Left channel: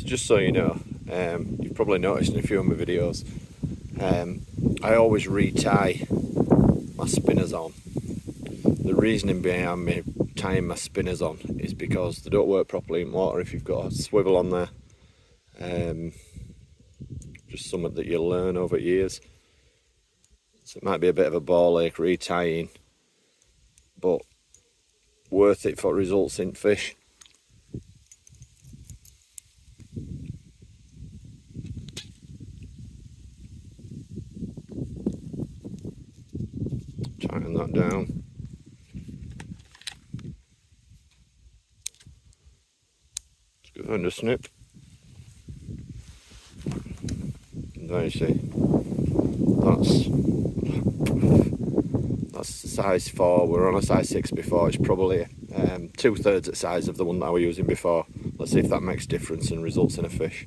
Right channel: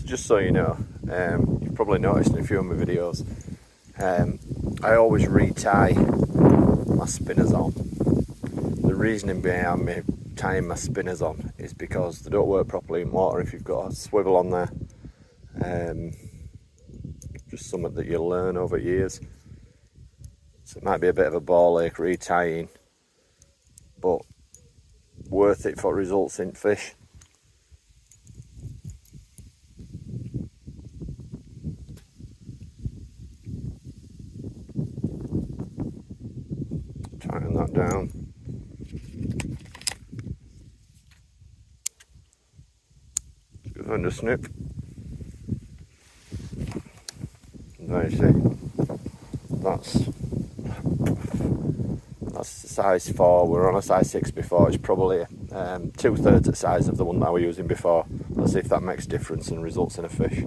So just so you know, you've probably noticed in a few of my videos, I always retie my spinners on. The reasoning behind me tying my spinners on is because they don't work properly in water if you've got a swivel on there. Just something that you'll learn over years. So it might be a bit of a ball ache retying, but worth it for results in fish. Tighten that down. Just go under snip. And there you see, that's size 4. We were on a size 6 before. It's probably 2/3 the size of the one that I was using before. Let's see if that makes a difference and results in a fish.